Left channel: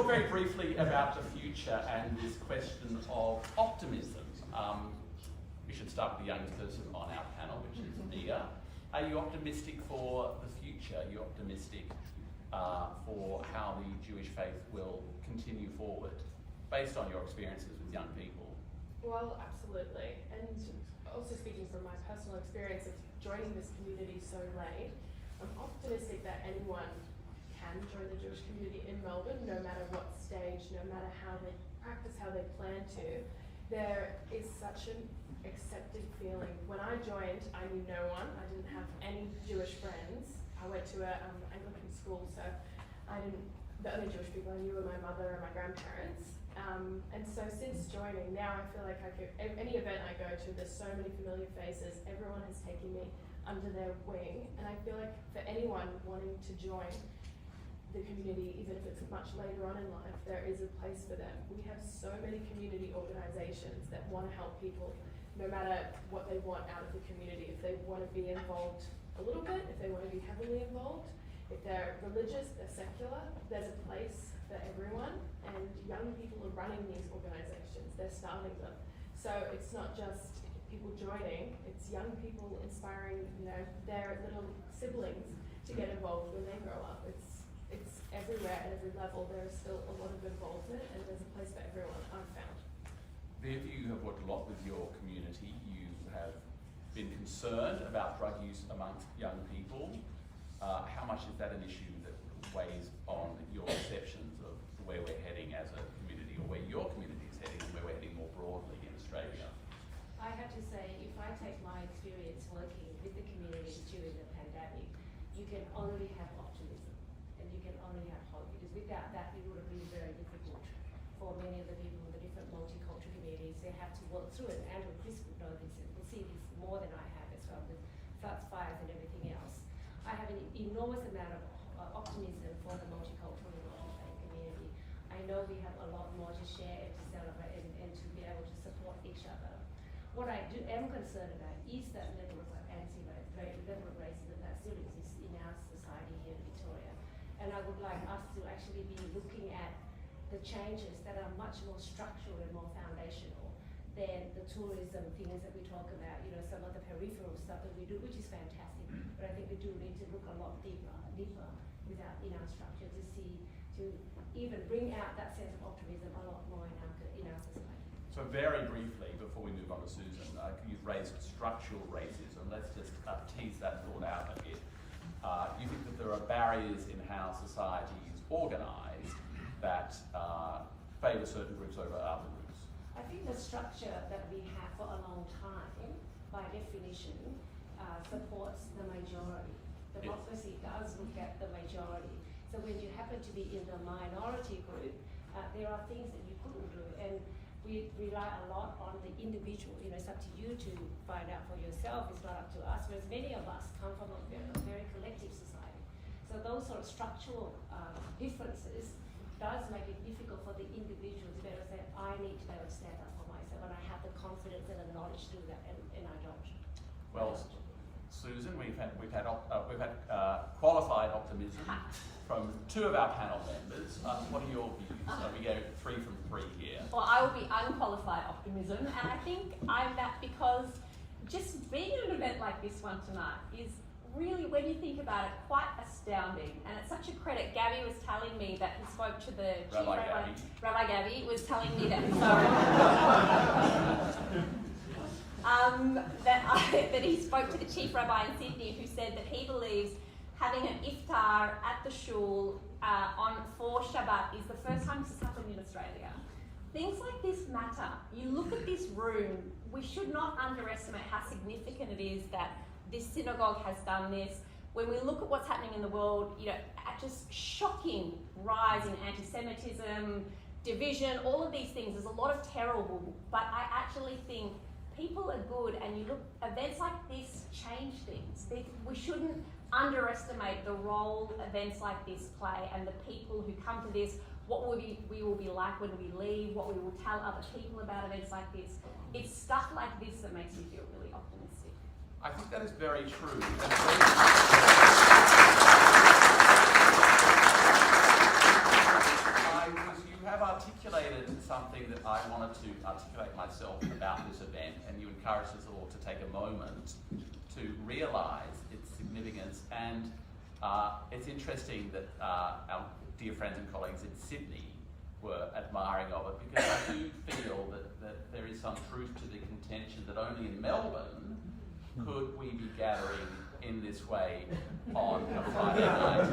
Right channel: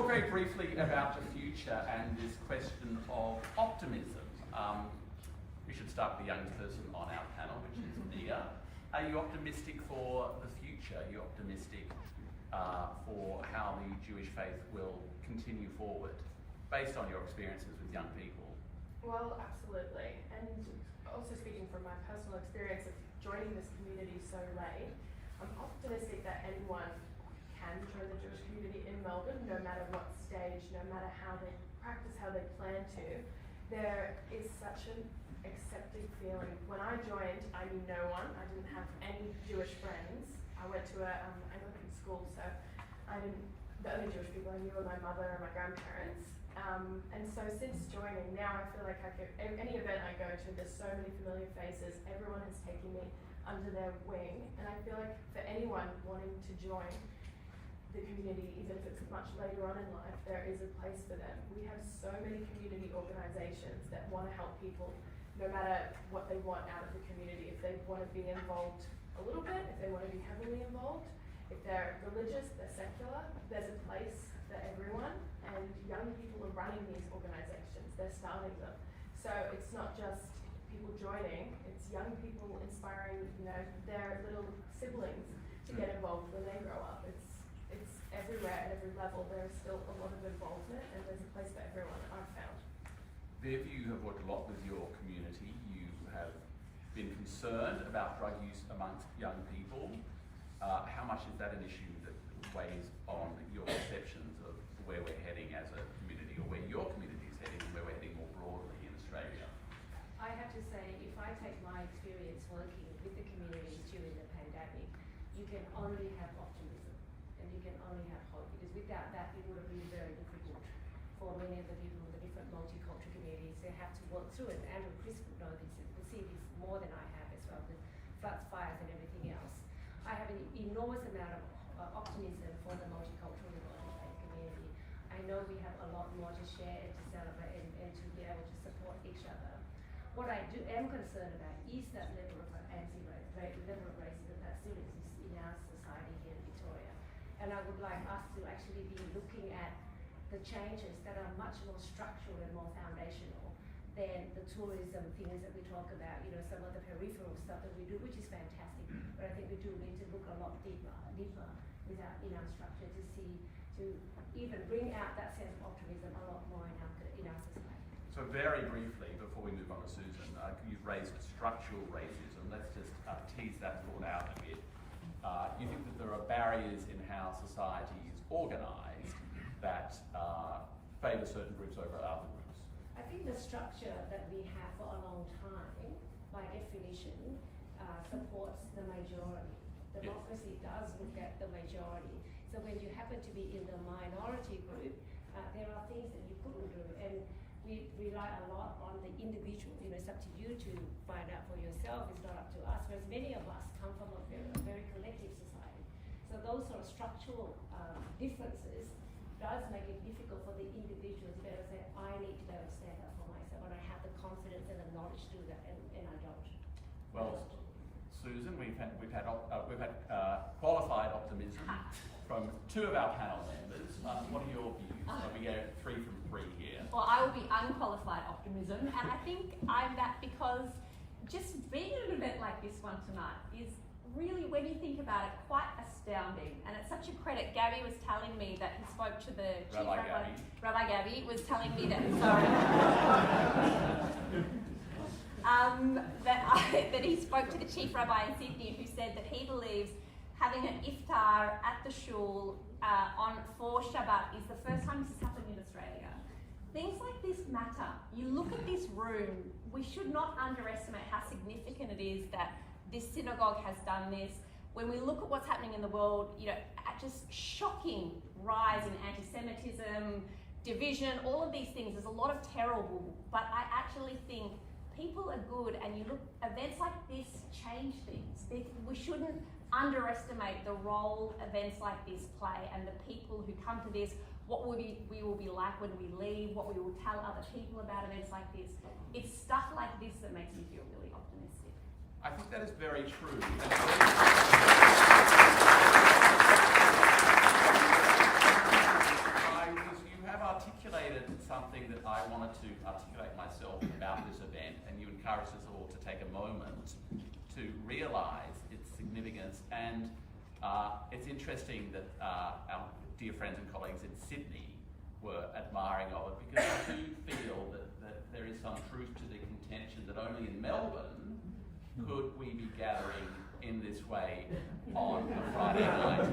talk very briefly about the future and this question of optimism. We should start with the youngest person on our panel, which is Nia. Are you optimistic for the future? Are you optimistic for how the Jewish faith will continue forward, based on your experiences with young people? Well, absolutely. And also speaking from my personal experience of joining this community so late, I'm optimistic that anyone can join the Jewish community in Melbourne, no matter what stage, no matter how they practice, how they plan to. There is such an accepted feeling. When I joined, I knew no one. I didn't have any Jewish friends. I went to an Anglican school, so the only Jewish people I knew were my mother and my grandparents. And so since joining, now I feel like any event I go to, there's so many familiar faces. Everyone has taken me under their wing, and I feel like for anyone wanting to join the community, even if it's much later on in life, there is a place for them. We have so many community organisations that want to help people, no matter what they want out of the community. If they want to be involved a little bit, if they want to be heavily involved, if they're religious, they're secular, there's a place for everyone, and young people are running these organisations, they're starting them. So it's not just people joining, it's young people inspiring, their little siblings to get involved when they grow up. It's everywhere at every level. There is still a lot of involvement, and there's a place for everyone, I've found. Viv, you have worked a lot with your community. You have been concerned about drug use amongst young people. How much is that an issue that weighs on your perceptions of where we're heading as a community, or where your community is heading, and where we're heading more broadly in Australia? I have to say, if I take my experience working with the community during the pandemic, you can only have optimism and you can only have hope, because without that it would have been very difficult for many of the people in the different multicultural communities. They have to work through it. Andrew, Chris would know this and would see this more than I have as well, with floods, fires and everything else. I have an enormous amount of optimism for the multicultural and multi-faith community. I know we have a lot more to share and to celebrate and to be able to support each other. What I am concerned about is that level of level of racism that still exists in our society here in Victoria. And I would like us to actually be looking at the changes that are much more structural and more foundational than the tourism things that we talk about, some of the peripheral stuff that we do, which is fantastic, but I think we do need to look a lot deeper in our structure to even bring out that sense of optimism a lot more in our society. So very briefly, before we move on to Susan, you've raised structural racism. Let's just tease that thought out a bit. You think that there are barriers in how society is organised that favour certain groups over other groups? I think the structure that we have for a long time, by definition, supports the majority. Democracy does look at the majority. So when you happen to be in the minority group, there are things that you couldn't do. And we rely a lot on the individual. It's up to you to find out for yourself. It's not up to us. Whereas many of us come from a very collective society. So those sort of structural differences does make it difficult for the individual to be able to say, I need to be able to stand up for myself, and I have the confidence and the knowledge to do that, and I don't. Well, Susan, we've had qualified optimism from two of our panel members. What are your views? We go 3 from 3 here. Well, I will be unqualified optimism, and I think I'm that because just being at an event like this one tonight is really, when you think about it, quite astounding. And it's such a credit. Gabby was telling me that he spoke to the chief rabbi. Rabbi Gabby was telling me that, that he spoke to the chief rabbi in Sydney, who said that he believes having an iftar at the shul for Shabbat is the first time this has happened in Australia. Things like this matter. You look at this room, we should not underestimate how significant it is that this synagogue has done this. When we look at what's happening in the world, just shocking rise in anti-Semitism, division, all of these things. There's a lot of terrible, but I actually think people are good, and you look, events like this change things. We shouldn't underestimate the role events like this play, and the people who come to this, what we will be like when we leave, what we will tell other people about events like this. It's stuff like this that makes me feel really optimistic. I think that is very true. I was articulated something that I wanted to articulate myself about this event, and you encouraged us all to take a moment to realise its significance. And it's interesting that our dear friends and colleagues in Sydney were admiring of it, because I do feel that there is some truth to the contention that only in Melbourne could we be gathering in this way on a Friday night.